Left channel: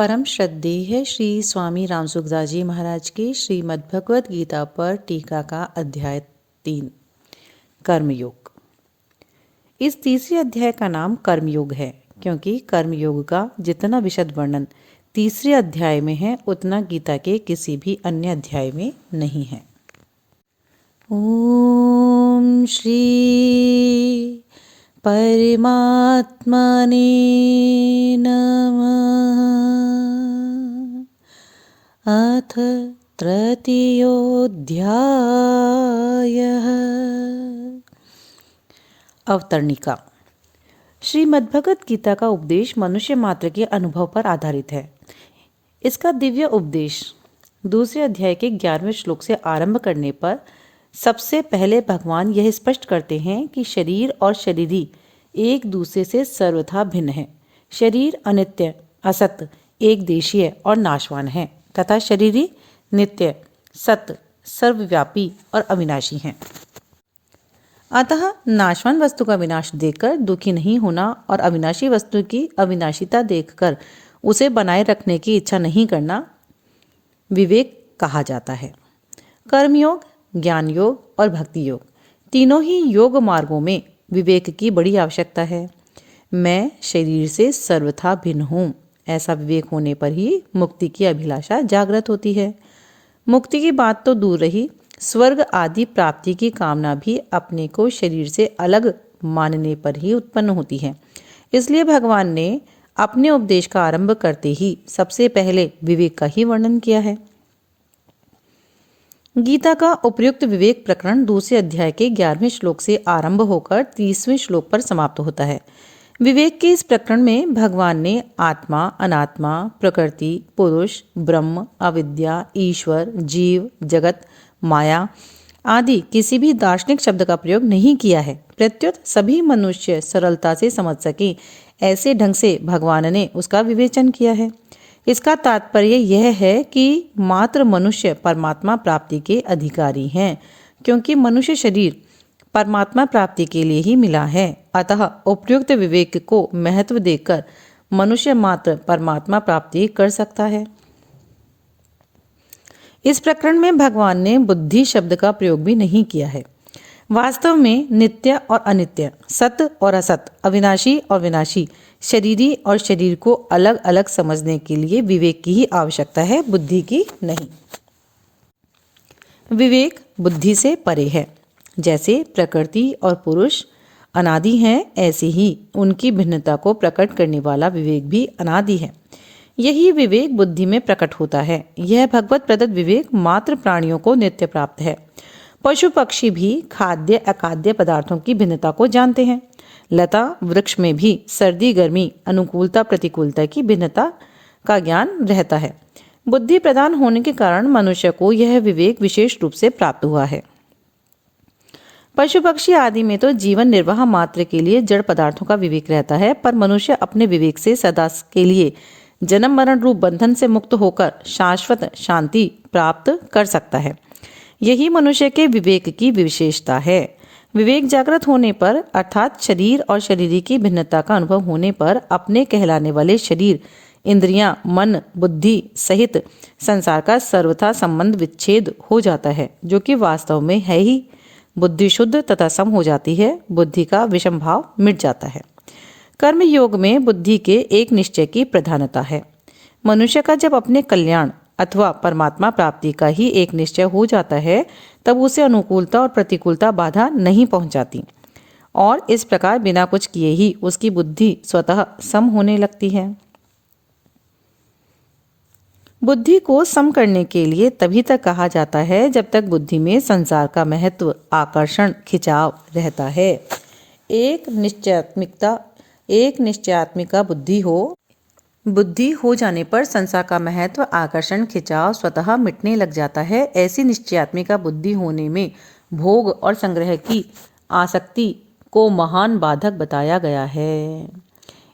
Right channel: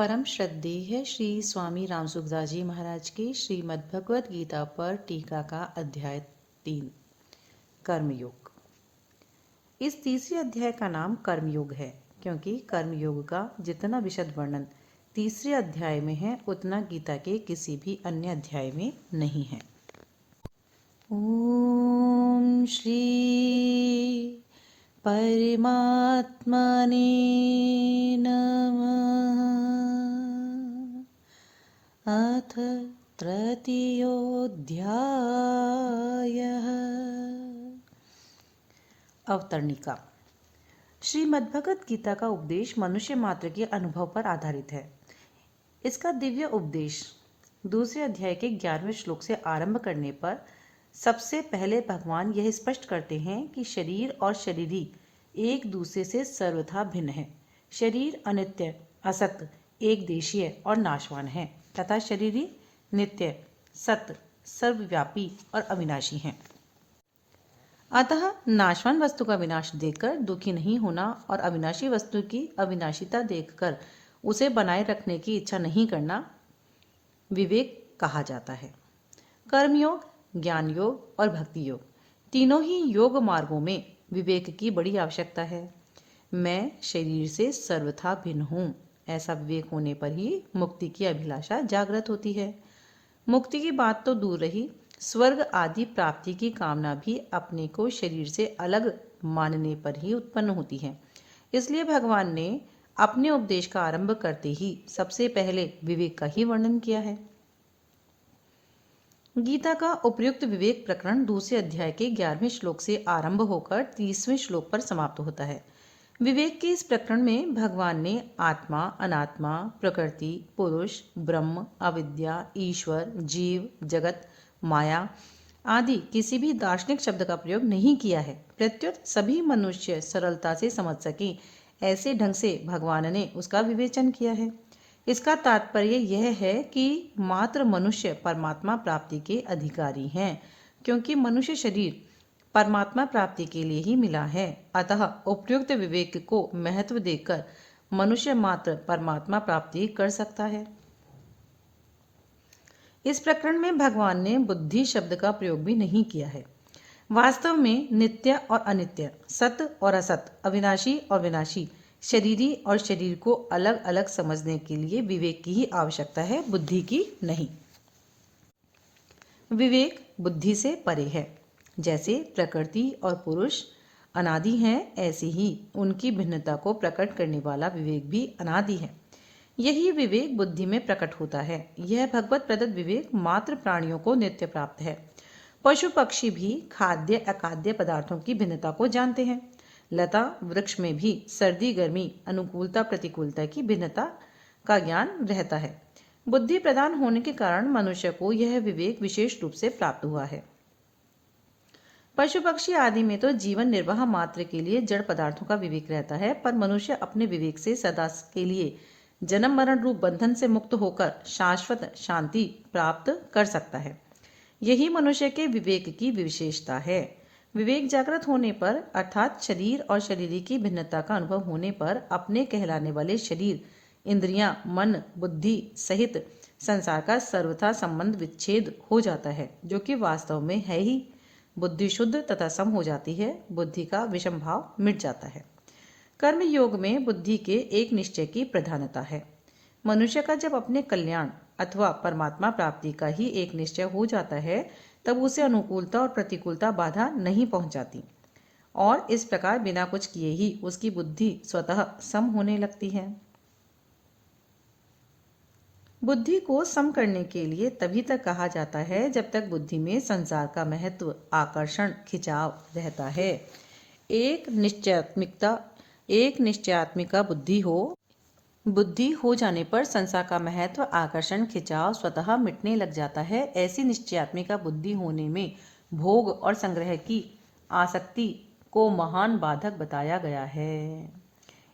परम श्रद्धेय श्री स्वामी रामसुखदास जी महाराज की श्रीमद् भगवद गीता पर टीका का अध्याय 3 कर्मयोग। इस तीसरे अध्याय का नाम कर्मयोग है क्योंकि कर्मयोग का जितना विशद वर्णन तीसरे अध्याय में है उतना गीता के किसी भी अन्य अध्याय में नहीं है। ओम श्री परमात्मने नमः। अथ तृतीयोऽध्यायः। अवतरणिका। श्रीमद्भगवद गीता का उपदेश मनुष्य मात्र के अनुभव पर आधारित है। इसका दिव्य उपदेश दूसरे अध्याय के 11वें श्लोक से आरंभ करने पर सबसे पहले भगवान यह स्पष्ट करते हैं कि शरीर और शरीरी एक दूसरे से सर्वथा भिन्न है। शरीर अनित्य, असत, एक देशीय और नाशवान है तथा शरीरी नित्य, सत्य, सर्वव्यापी और अविनाशी हैं। अतः नाशवान वस्तु का विनाश देखकर दुखी नहीं होना और अविनाशी वस्तु की अविनाशिता देखकर उसे बनाए रखने की इच्छा नहीं करना विवेक कहा जाता है। कर्मयोग, ज्ञान योग और भक्ति योग तीनों ही योग मार्गों में विवेक की बड़ी आवश्यकता है। मैं शरीर से सर्वथा भिन्न हूँ, ऐसा विवेक होने पर ही मुक्ति की अभिलाषा जागृत होती है। मुक्ति की बात तो दूर रही, स्वर्ग आदि प्राप्ति की कामना भी अपने को शरीर से अलग मानने पर ही उत्पन्न होती है। इसलिए भगवान ने अपने उपदेश का आरंभ करते ही सबसे पहले विवेक का ही वर्णन किया है। गीता का उपयुक्त विवेक प्रकरण दूसरे अध्याय के 11वें श्लोक से आरंभ होकर 30वें श्लोक पर समाप्त होता है। विवेक के इस प्रकरण में भगवान ने आत्मा, अनात्मा, प्रकृति, पुरुष, ब्रह्म, अविद्या, ईश्वर, जीव, जगत, माया आदि किसी भी दार्शनिक शब्द का प्रयोग नहीं किया है। प्रत्युत सभी मनुष्य सरलता से समझ सके ऐसे ढंग से भगवान ने उसका विवेचन किया है। इसका तात्पर्य यह है कि मात्र मनुष्य परमात्मा प्राप्ति के अधिकारी हैं, क्योंकि मनुष्य शरीर परमात्मा प्राप्ति के लिए ही मिला है। अतः उपयुक्त विवेक को महत्व देकर मनुष्य मात्र परमात्मा प्राप्ति कर सकता है। इस प्रकरण में भगवान ने बुद्धि शब्द का प्रयोग भी नहीं किया है। वास्तव में नित्य और अनित्य, सत्य और असत, अविनाशी और विनाशी, शरीरी और शरीर को अलग अलग समझने के लिए विवेक की ही आवश्यकता है, बुद्धि की नहीं। विवेक बुद्धि से परे है। जैसे प्रकृति और पुरुष अनादि हैं, ऐसे ही उनकी भिन्नता को प्रकट करने वाला विवेक भी अनादि है। यही विवेक बुद्धि में प्रकट होता है। यह भगवत प्रदत्त विवेक मात्र प्राणियों को नित्य प्राप्त है। पशु पक्षी भी खाद्य अखाद्य पदार्थों की भिन्नता को जानते हैं। लता वृक्ष में भी सर्दी गर्मी, अनुकूलता प्रतिकूलता की भिन्नता का ज्ञान रहता है। बुद्धि प्रदान होने के कारण मनुष्य को यह विवेक विशेष रूप से प्राप्त हुआ है। पशु पक्षी आदि में तो जीवन निर्वाह मात्र के लिए जड़ पदार्थों का विवेक रहता है, पर मनुष्य अपने विवेक से सदा के लिए जन्म मरण रूप बंधन से मुक्त होकर शाश्वत शांति प्राप्त कर सकता है। यही मनुष्य के विवेक की विशेषता है। विवेक जागृत होने पर अर्थात शरीर और शरीरी की भिन्नता का अनुभव होने पर अपने कहलाने वाले शरीर, इंद्रियां, मन, बुद्धि सहित संसार का सर्वथा संबंध विच्छेद हो जाता है, जो कि वास्तव में है ही। बुद्धि शुद्ध तथा सम हो जाती है, बुद्धि का विषम भाव मिट जाता है। कर्म योग में बुद्धि के एक निश्चय की प्रधानता है। मनुष्य का जब अपने कल्याण अथवा परमात्मा प्राप्ति का ही एक निश्चय हो जाता है, तब उसे अनुकूलता और प्रतिकूलता बाधा नहीं पहुंचाती और इस प्रकार बिना कुछ किए ही उसकी बुद्धि स्वतः सम होने लगती है। बुद्धि को सम करने के लिए तभी तक कहा जाता है जब तक बुद्धि में संसार का महत्व, आकर्षण, खिंचाव रहता है। एक निश्चयात्मिका बुद्धि हो जाने पर संसार का महत्व, आकर्षण, खिंचाव स्वतः मिटने लग जाता है। ऐसी निश्चयात्मिका बुद्धि होने में भोग और संग्रह की आसक्ति को महान बाधक बताया गया है।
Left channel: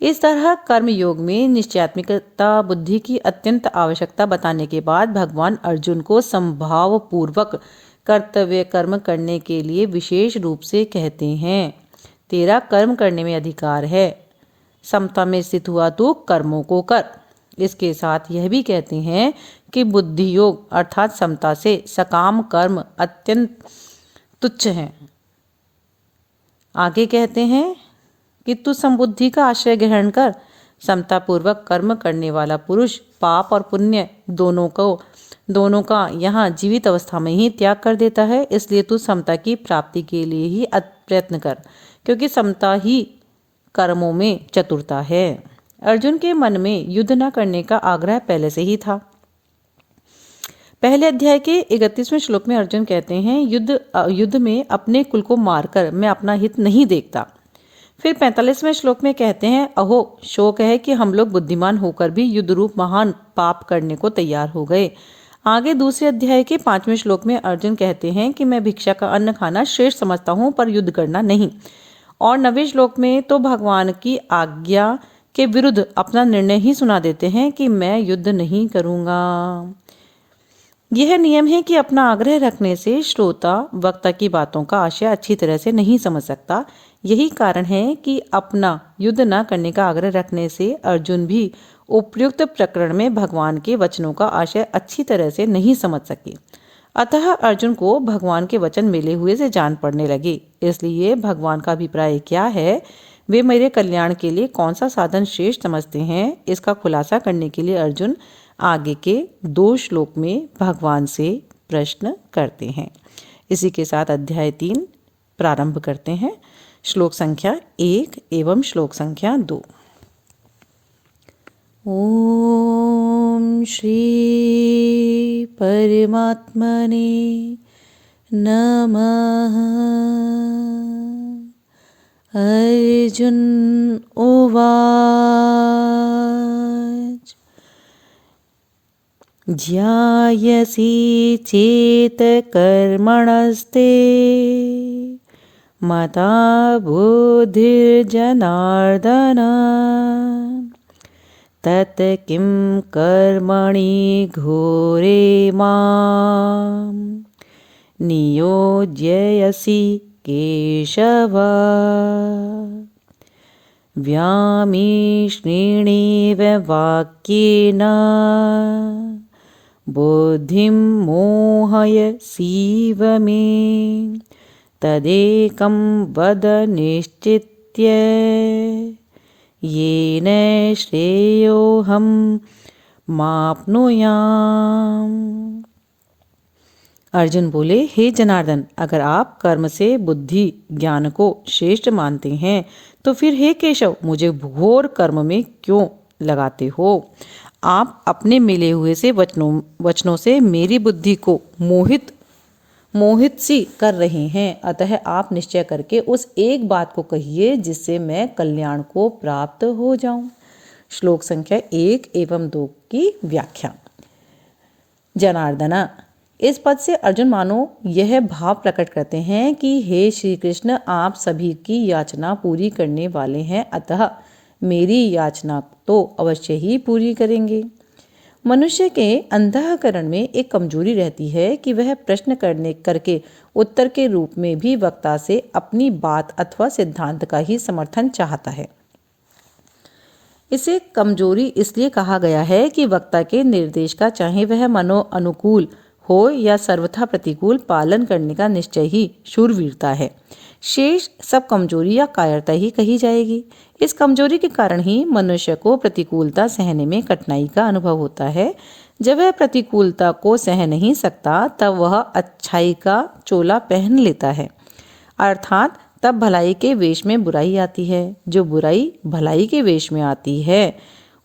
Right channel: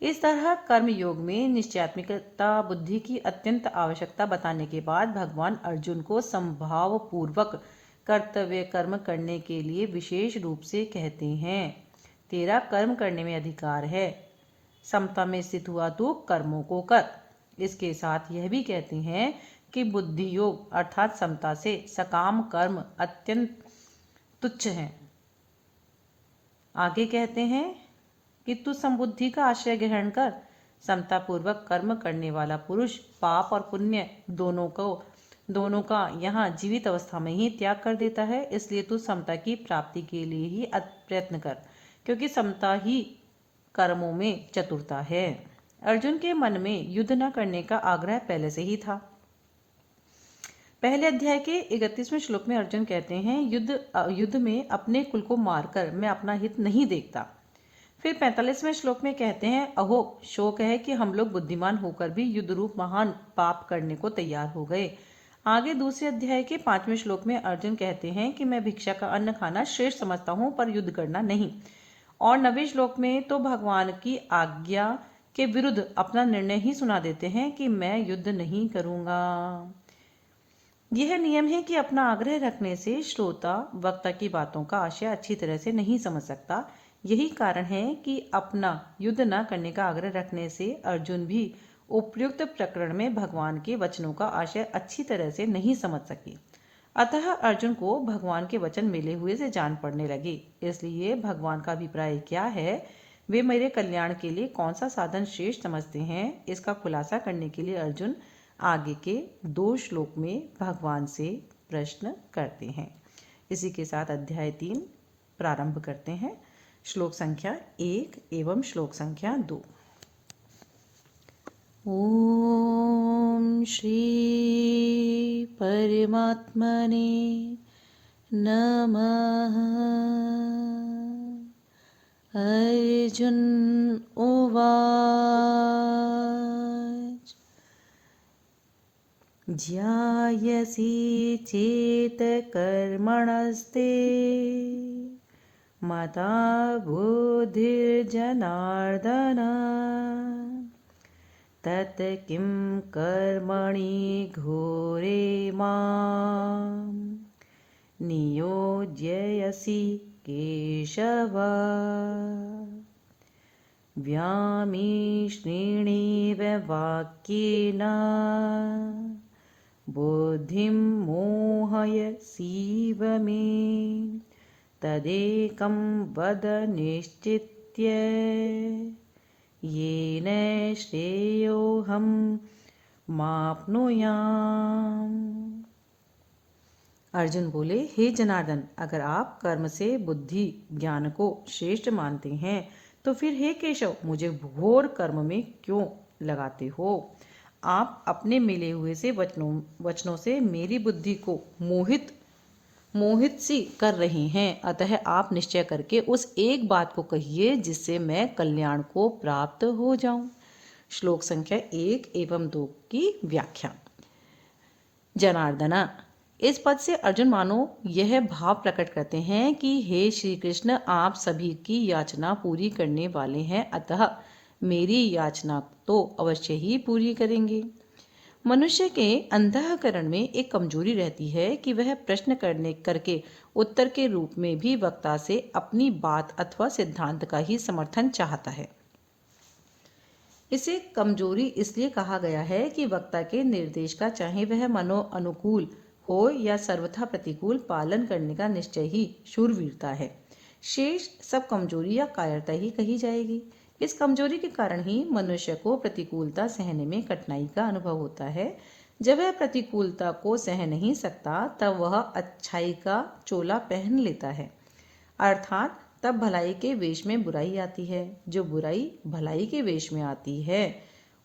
इस तरह कर्म योग में निश्चयात्मिकता बुद्धि की अत्यंत आवश्यकता बताने के बाद भगवान अर्जुन को संभाव पूर्वक कर्तव्य कर्म करने के लिए विशेष रूप से कहते हैं, तेरा कर्म करने में अधिकार है, समता में स्थित हुआ तो कर्मों को कर। इसके साथ यह भी कहते हैं कि बुद्धि योग अर्थात समता से सकाम कर्म अत्यंत तुच्छ है। आगे कहते हैं कि तू समबुद्धि का आश्रय ग्रहण कर। समतापूर्वक कर्म करने वाला पुरुष पाप और पुण्य दोनों का यहाँ जीवित अवस्था में ही त्याग कर देता है। इसलिए तू समता की प्राप्ति के लिए ही प्रयत्न कर, क्योंकि समता ही कर्मों में चतुरता है। अर्जुन के मन में युद्ध न करने का आग्रह पहले से ही था। पहले अध्याय के 31वें श्लोक में अर्जुन कहते हैं, युद्ध में अपने कुल को मारकर मैं अपना हित नहीं देखता। फिर 45वें श्लोक में कहते हैं, अहो शोक है कि हम लोग बुद्धिमान होकर भी युद्ध रूप महान पाप करने को तैयार हो गए। आगे दूसरे अध्याय के 5वें श्लोक में अर्जुन कहते हैं कि मैं भिक्षा का अन्न खाना श्रेष्ठ समझता हूँ, पर युद्ध करना नहीं। और 9वें श्लोक में तो भगवान की आज्ञा के विरुद्ध अपना निर्णय ही सुना देते हैं कि मैं युद्ध नहीं करूँगा। यह नियम है कि अपना आग्रह रखने से श्रोता वक्ता की बातों का आशय अच्छी तरह से नहीं समझ सकता। यही कारण है कि अपना युद्ध न करने का आग्रह रखने से अर्जुन भी उपयुक्त प्रकरण में भगवान के वचनों का आशय अच्छी तरह से नहीं समझ सके। अतः अर्जुन को भगवान के वचन मिले हुए से जान पड़ने लगे। इसलिए भगवान का अभिप्राय क्या है, वे मेरे कल्याण के लिए कौन सा साधन श्रेष्ठ समझते हैं, इसका खुलासा करने के लिए अर्जुन आगे के 2 श्लोक में भगवान से प्रश्न करते हैं। इसी के साथ अध्याय 3 प्रारंभ करते हैं। श्लोक संख्या 1 एवं श्लोक संख्या 2। ओम श्री परमात्मने नमः। अर्जुन उवाच ज्यायसि चेत कर्मणस्ते मता बुद्धिर्जनार्दन तत् किं कर्मणि घोरे मां नियोज्यसि केशव। व्यामिश्रेणेव वाक्येन बुद्धिं मोहयसीव मे तदेकं वद निश्चित्य येन श्रेयोऽहं माप्नुयाम्। अर्जुन बोले, हे जनार्दन, अगर आप कर्म से बुद्धि ज्ञान को श्रेष्ठ मानते हैं तो फिर हे केशव मुझे घोर कर्म में क्यों लगाते हो। आप अपने मिले हुए से वचनों से मेरी बुद्धि को मोहित सी कर रहे हैं। अतः आप निश्चय करके उस एक बात को कहिए जिससे मैं कल्याण को प्राप्त हो जाऊं। श्लोक संख्या 1 एवं 2 की व्याख्या। जनार्दना, इस पद से अर्जुन मानो यह भाव प्रकट करते हैं कि हे श्री कृष्ण, आप सभी की याचना पूरी करने वाले हैं, अतः मेरी याचना तो अवश्य ही पूरी करेंगे। मनुष्य के अंतःकरण में एक कमजोरी रहती है कि वह प्रश्न करके उत्तर के रूप में भी वक्ता से अपनी बात अथवा सिद्धांत का ही समर्थन चाहता है। इसे कमजोरी इसलिए कहा गया है कि वक्ता के निर्देश का चाहे वह मनो अनुकूल हो या सर्वथा प्रतिकूल पालन करने का निश्चय ही शूरवीरता है। शेष सब कमजोरी या कायरता ही कही जाएगी। इस कमजोरी के कारण ही मनुष्य को प्रतिकूलता सहने में कठिनाई का अनुभव होता है। जब वह प्रतिकूलता को सह नहीं सकता तब वह अच्छाई का चोला पहन लेता है, अर्थात तब भलाई के वेश में बुराई आती है। जो बुराई भलाई के वेश में आती है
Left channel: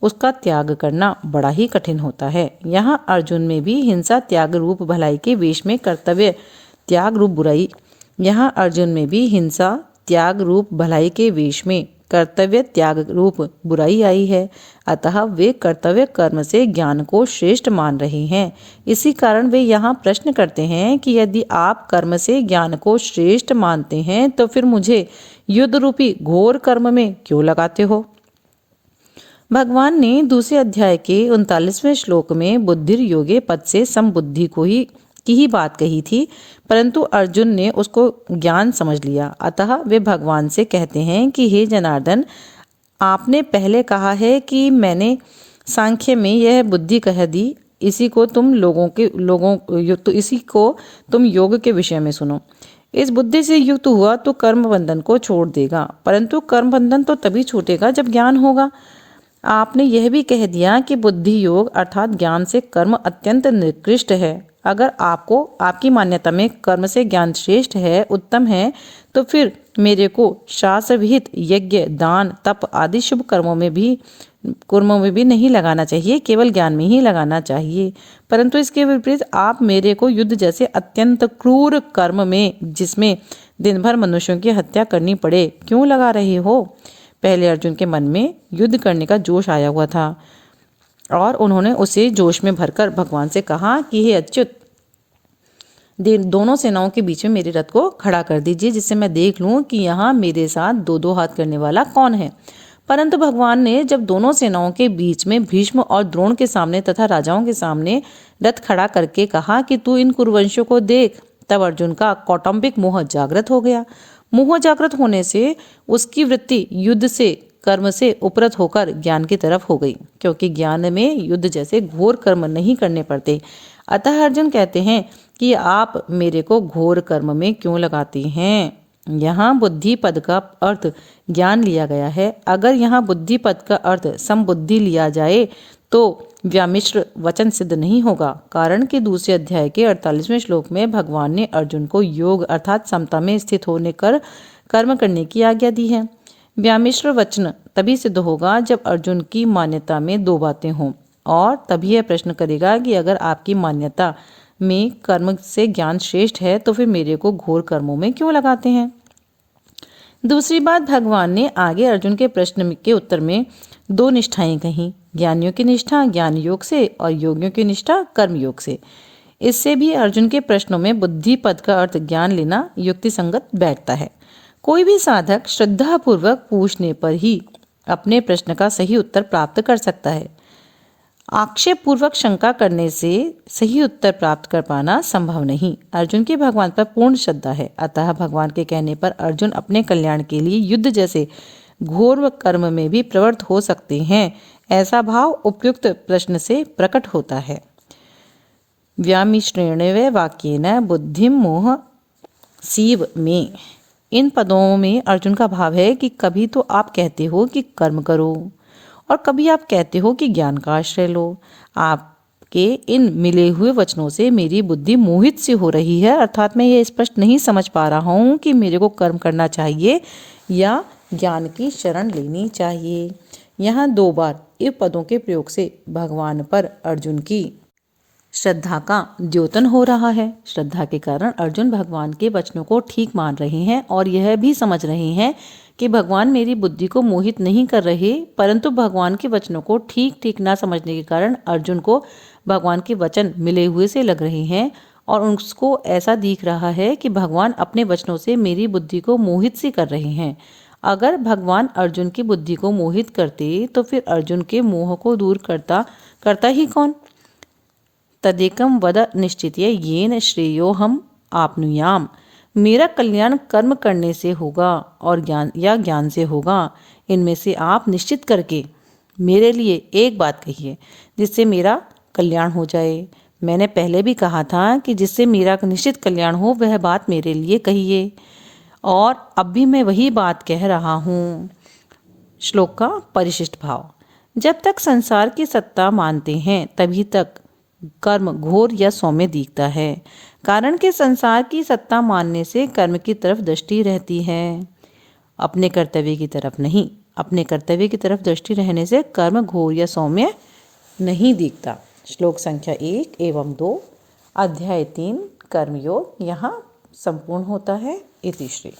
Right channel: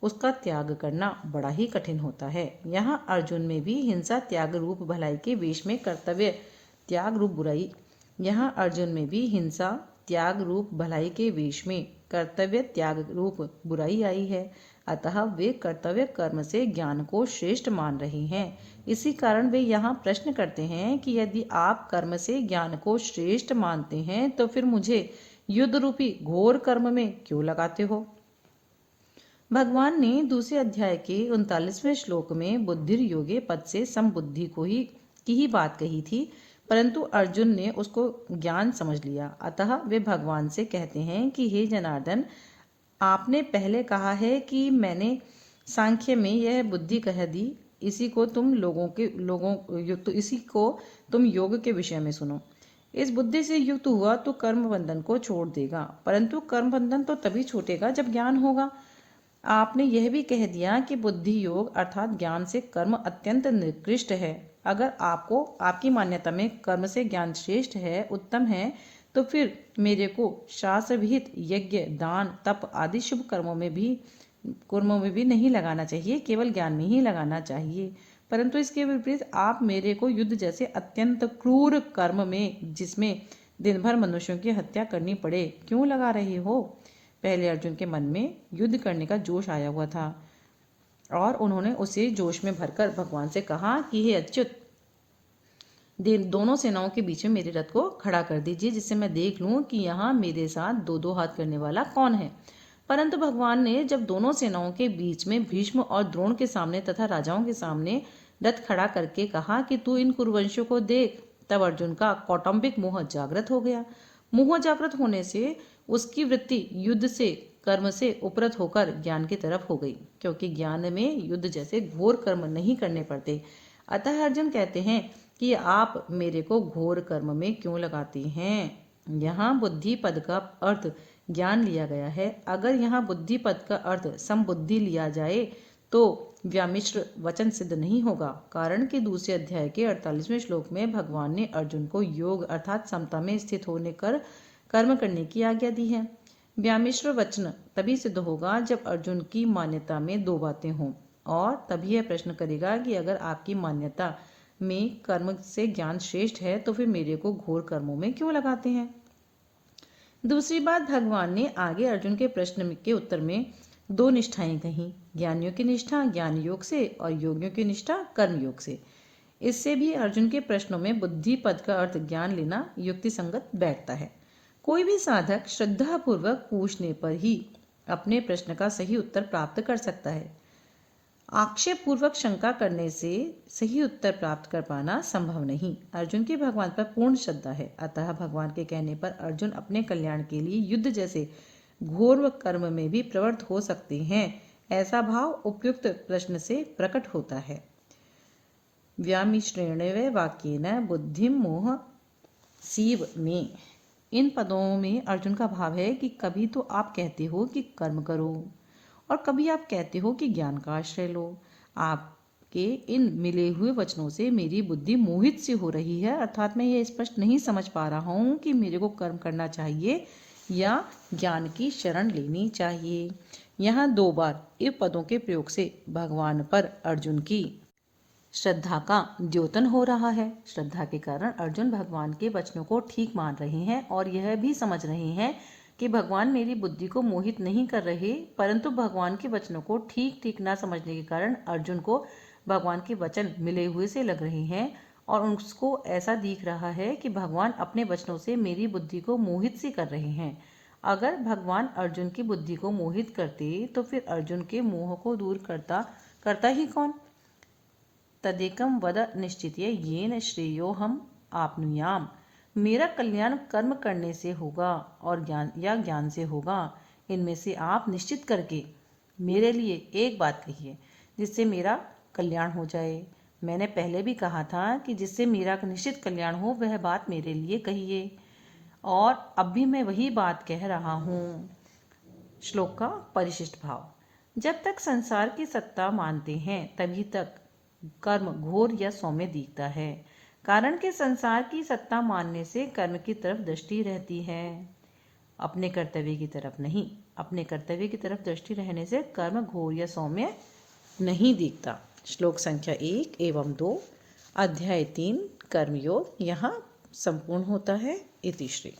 उसका त्याग करना बड़ा ही कठिन होता है। यहाँ अर्जुन में भी हिंसा त्याग रूप भलाई के वेश में कर्तव्य त्याग रूप बुराई के वेश में कर्तव्य त्याग रूप बुराई आई है। अतः वे कर्तव्य कर्म से ज्ञान को श्रेष्ठ मान रहे हैं। इसी कारण वे यहाँ प्रश्न करते हैं कि यदि आप कर्म से ज्ञान को श्रेष्ठ मानते हैं तो फिर मुझे युद्ध रूपी घोर कर्म में क्यों लगाते हो। भगवान ने दूसरे अध्याय के 39वें श्लोक में बुद्धिर योगे पद से समबुद्धि की ही बात कही थी, परंतु अर्जुन ने उसको ज्ञान समझ लिया। अतः वे भगवान से कहते हैं कि हे जनार्दन, आपने पहले कहा है कि मैंने सांख्य में यह बुद्धि कह दी, इसी को तुम योग के विषय में सुनो। इस बुद्धि से युक्त हुआ तो कर्म बंधन को छोड़ देगा, परंतु कर्म बंधन तो तभी छूटेगा जब ज्ञान होगा। आपने यह भी कह दिया कि बुद्धि योग अर्थात ज्ञान से कर्म अत्यंत निकृष्ट है। अगर आपकी मान्यता में कर्म से ज्ञान श्रेष्ठ है, उत्तम है, तो फिर मेरे को शास्त्र विहित यज्ञ, दान, तप आदि शुभ कर्मों में भी नहीं लगाना चाहिए, केवल ज्ञान में ही लगाना चाहिए। परंतु इसके विपरीत आप मेरे को युद्ध जैसे अत्यंत क्रूर कर्म में, जिसमें दिन भर मनुष्यों की हत्या करनी पड़े, क्यों लगा रहे हो? पहले अर्जुन के मन में युद्ध करने का जोश आया हुआ था और उन्होंने उसे जोश में भरकर भगवान से कहा कि हे अच्युत, दोनों सेनाओं के बीच में मेरे रथ को खड़ा कर दीजिए, जिससे मैं देख लूं कि यहाँ मेरे साथ दो दो हाथ करने वाला कौन है। परंतु भगवान ने जब दोनों सेनाओं के बीच में भीष्म और द्रोण के सामने तथा राजाओं के सामने रथ खड़ा करके कहा कि तू इन कुरुवंशियों को देख, तब अर्जुन का कौटुंबिक मोह जागृत हो गया। मोह जागृत होने से उसकी वृत्ति युद्ध से, कर्म से उपरत होकर ज्ञान की तरफ हो गई, क्योंकि ज्ञान में युद्ध जैसे घोर कर्म नहीं करने पड़ते। अतः अर्जुन कहते हैं कि आप मेरे को घोर कर्म में क्यों लगाते हैं? यहाँ बुद्धि पद का अर्थ ज्ञान लिया गया है। अगर यहाँ बुद्धि पद का अर्थ समबुद्धि लिया जाए तो व्यामिश्र वचन सिद्ध नहीं होगा, कारण कि दूसरे अध्याय के 48वें श्लोक में भगवान ने अर्जुन को योग अर्थात समता में स्थित होने कर कर्म करने की आज्ञा दी है। व्यामिश्र वचन तभी सिद्ध होगा जब अर्जुन की मान्यता में दो बातें हों, और तभी यह प्रश्न करेगा कि अगर आपकी मान्यता में कर्म से ज्ञान श्रेष्ठ है तो फिर मेरे को घोर कर्मों में क्यों लगाते हैं? दूसरी बात, भगवान ने आगे अर्जुन के प्रश्न के उत्तर में दो निष्ठाएं कही, ज्ञानियों की निष्ठा ज्ञान योग से और योगियों की निष्ठा कर्म योग से। इससे भी अर्जुन के प्रश्नों में बुद्धि पद का अर्थ ज्ञान लेना युक्ति संगत बैठता है। कोई भी साधक श्रद्धापूर्वक पूछने पर ही अपने प्रश्न का सही उत्तर प्राप्त कर सकता है। आक्षेप पूर्वक शंका करने से सही उत्तर प्राप्त कर पाना संभव नहीं। अर्जुन की भगवान पर पूर्ण श्रद्धा है, अतः भगवान के कहने पर अर्जुन अपने कल्याण के लिए युद्ध जैसे घोर कर्म में भी प्रवृत्त हो सकते हैं, ऐसा भाव उपयुक्त प्रश्न से प्रकट होता है। व्यामिश्रेण वाक्येन बुद्धिम मोह सीव में, इन पदों में अर्जुन का भाव है कि कभी तो आप कहते हो कि कर्म करो और कभी आप कहते हो कि ज्ञान का आश्रय लो। आपके इन मिले हुए वचनों से मेरी बुद्धि मोहित सी हो रही है, अर्थात मैं ये स्पष्ट नहीं समझ पा रहा हूँ कि मेरे को कर्म करना चाहिए या ज्ञान की शरण लेनी चाहिए। यहाँ दो बार इन पदों के प्रयोग से भगवान पर अर्जुन की श्रद्धा का द्योतन हो रहा है। श्रद्धा के कारण अर्जुन भगवान के वचनों को ठीक मान रहे हैं और यह भी समझ रहे हैं कि भगवान मेरी बुद्धि को मोहित नहीं कर रहे, परंतु भगवान के वचनों को ठीक ठीक ना समझने के कारण अर्जुन को भगवान के वचन मिले हुए से लग रहे हैं और उसको ऐसा दिख रहा है कि भगवान अपने वचनों से मेरी बुद्धि को मोहित सी कर रहे हैं। अगर भगवान अर्जुन की बुद्धि को मोहित करते तो फिर अर्जुन के मोह को दूर करता ही कौन? तदेकम वद निश्चित्य येन श्रेयोहम आपनुयाम, मेरा कल्याण कर्म करने से होगा और ज्ञान से होगा। इनमें से आप निश्चित करके मेरे लिए एक बात कहिए जिससे मेरा कल्याण हो जाए। मैंने पहले भी कहा था कि जिससे मेरा निश्चित कल्याण हो वह बात मेरे लिए कहिए, और अब भी मैं वही बात कह रहा हूँ। श्लोक का परिशिष्ट भाव, जब तक संसार की सत्ता मानते हैं तभी तक कर्म घोर या सौम्य दिखता है, कारण कि संसार की सत्ता मानने से कर्म की तरफ दृष्टि रहती है, अपने कर्तव्य की तरफ नहीं। अपने कर्तव्य की तरफ दृष्टि रहने से कर्म घोर या सौम्य नहीं दिखता। श्लोक संख्या 1 एवं 2 अध्याय 3 कर्मयोग यहाँ संपूर्ण होता है। इति श्री।